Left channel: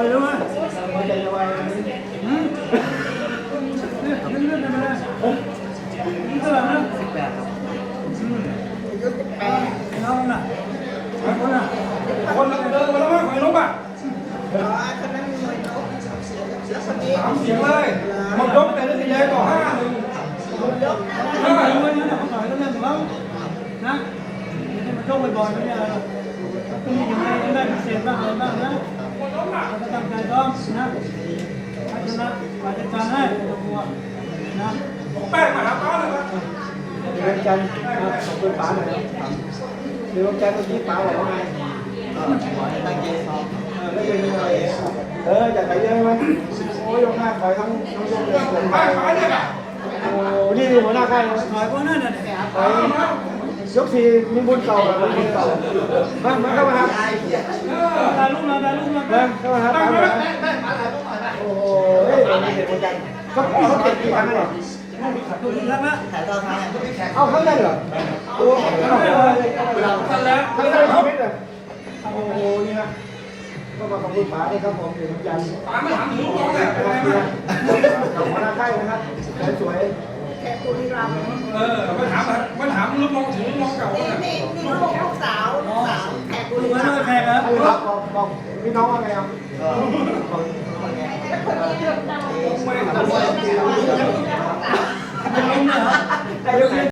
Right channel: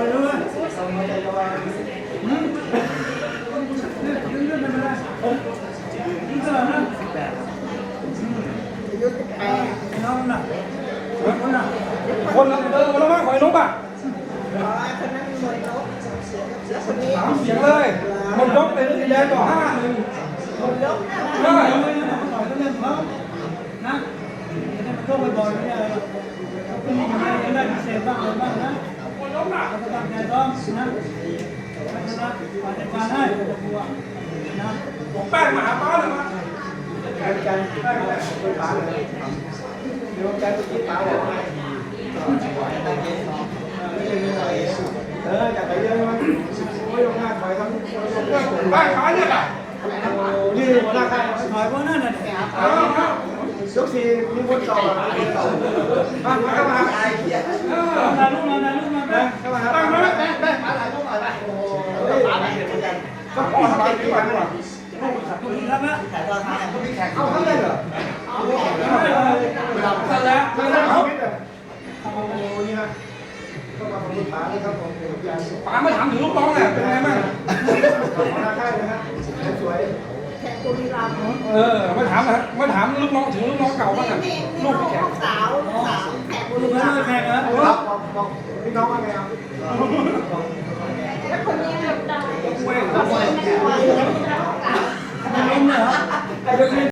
หัวใจจะวายอืมเนี่ยเลื่อนๆไปเลยนี่เท่าไหร่นะสิบแปดครับอืมอ่าน้องน่ะคนน่ะคนเดินมา ต่ละทีเดียวต่อห้าหนึ่งไม่ไหวไม่งั้นเขาต่อยก็เรื่องนั้นไงยังได้พิเศษบ้างอะไรงนะเราก็ตั้งใจซ้อมนะพัฒนาปฏิบัตัวบัวนะผมแป้งมาหาพ่อเลยครับมีวันจันทร์ขอบคุณป้าเลยมีวันจันทร์ตรงนี้ป้าบอกว่าไงก็ขอให้ตั้งใจซ้อมแล้วยังยังไงเออจากไหนเยอะมั้ยโอ้ยลงหน้าถอยทั้งโอ้ยลงเรื่องผมไปไปขายเนี่ยโอ้นี่หัวหน้าค่ายถอยพวกนั้นน่ะเด็กถอยยกสี่มีบุญต่อแบบมีบุญต่อบ้านมาเข้ามบ ถ่ายรูปมาถ่ายรูปมาแป๊ นะเข้ามาครับโอ้ยไม่เห็นเหมือน กันก็เขาเจ็ดปีครั้งเลยถูกแล้วนะเอาเขาได้เหรอโอ้ยไม่เลยกันแล้วคือเรื่องชีวิตอะโอ้ยนะก็มาขอบคุณป๋าเลยครับผมเดี๋ยวยันป๋ามาถามถึงลูกน้องแหละเป็นไงบ้างขอบคุณค่ายนะครับสวยเออมาถามมาถามลูกน้องถึงลูกน้องเก่าว่าแบบลูกแขกถูกแล้วเลยแขกเหรอๆบอกบอกพี่น้องว่าไงครับ